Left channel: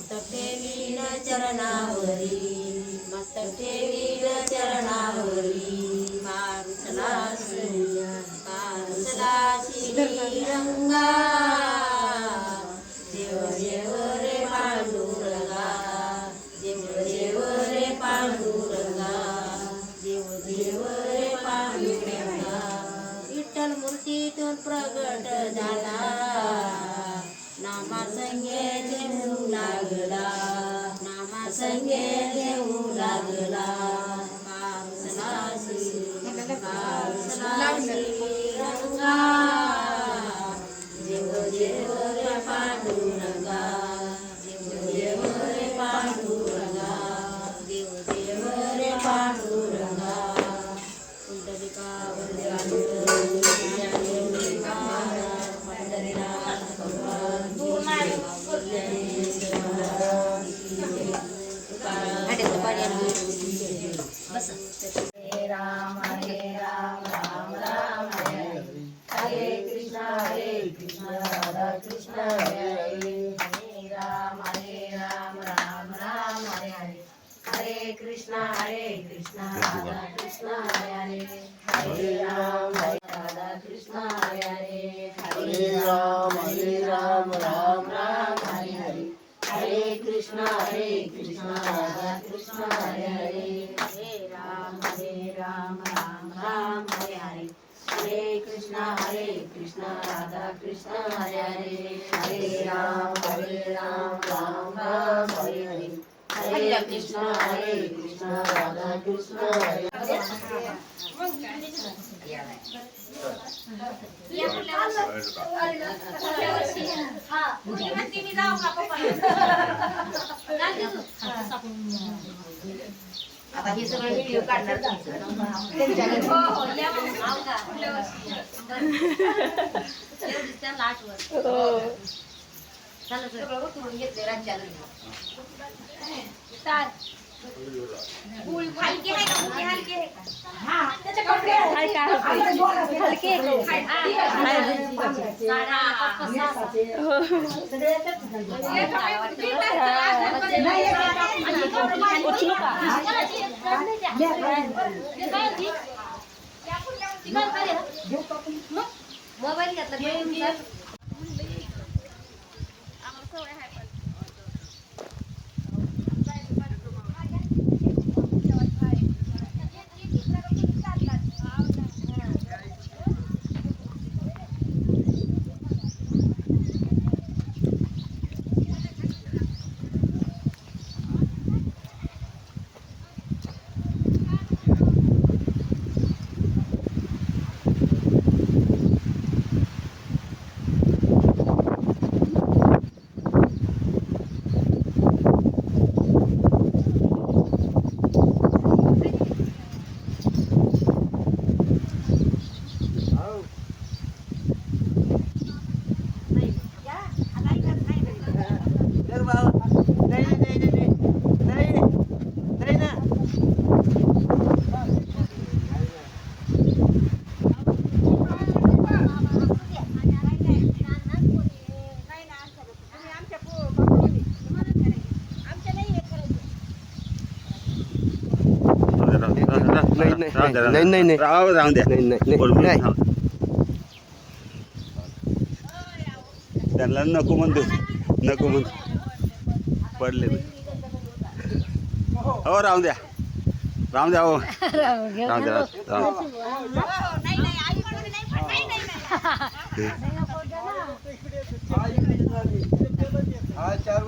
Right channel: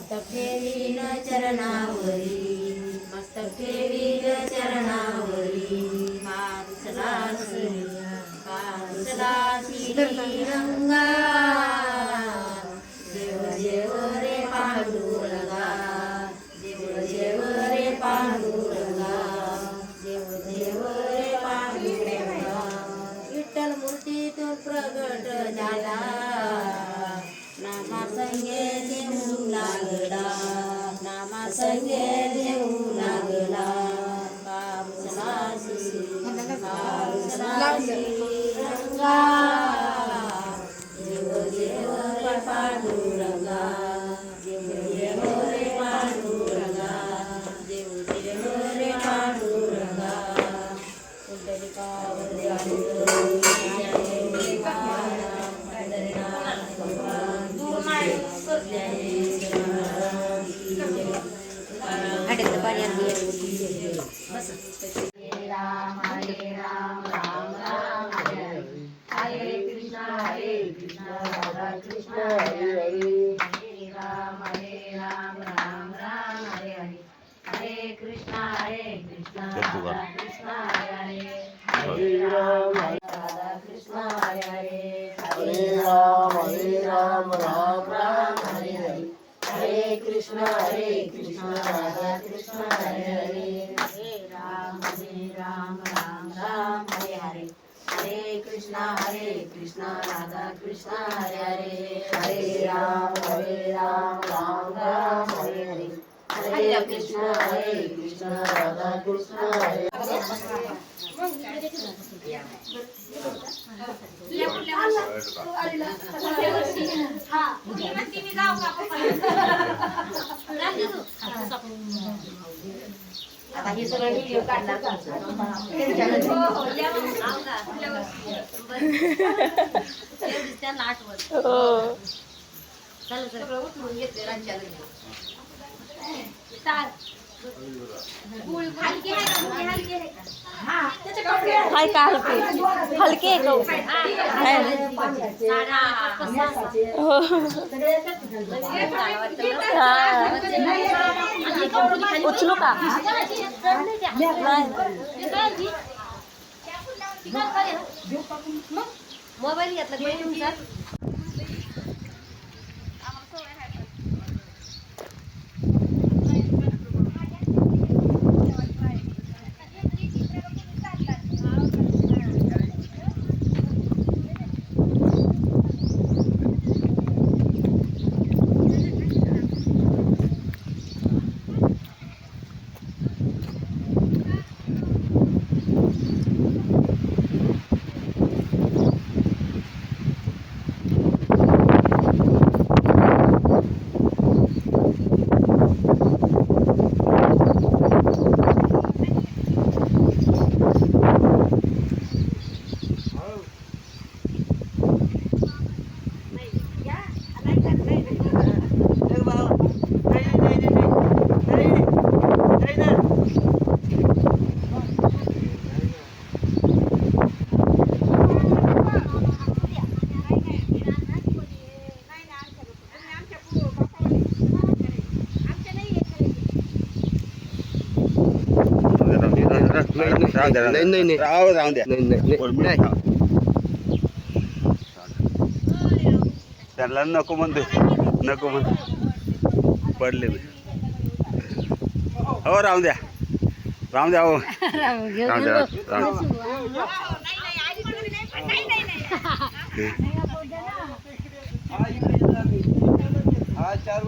मस्तक ठेवीन चरणावरी, मस्तक ठेवीन चरणावरी, कारुसला श्रीरंगा, देव देव रे पांडुरंगा, देव देव रे पांडुरंगा, देव देव रे पांडुरंगा. विठ्ठल मूर्तीतून प्रगट झाला, नामा संगे देऊ लागला, नामा संगे देऊ लागला. कारुसला श्रीरंगा, देव देव रे पांडुरंगा, देव देव रे पांडुरंगा, देव देव रे पांडुरंगा. पुंडलिकावर राम हरे राम राम राम हरे हरे, हरे कृष्णा राधा कृष्ण हरे हरे, हरे राम राम राम हरे हरे, हरे कृष्णा राधा कृष्ण हरे हरे, हरे राम राधा कृष्ण हरे हरे, हरे राम राम राम हरे हरे, हरे कृष्णा राधा कृष्ण हरे हरे, हरे राम राम राम हरे हरे, हरे कृष्णा राधा कृष्ण हरे हरे, हरे राम राम राम हरे हरे, हरे कृष्णा राधा कृष्ण हरे हरे. आता हे सगळं व्हिडिओ काढणार त्यांना आठवत सगळं उतरून घेतले राज्याला हलके उचलू का मोबाईल घेतला नाही राहून द्या त्याला नको म्हणतो पडले हो राहून द्या हो राहून द्या चार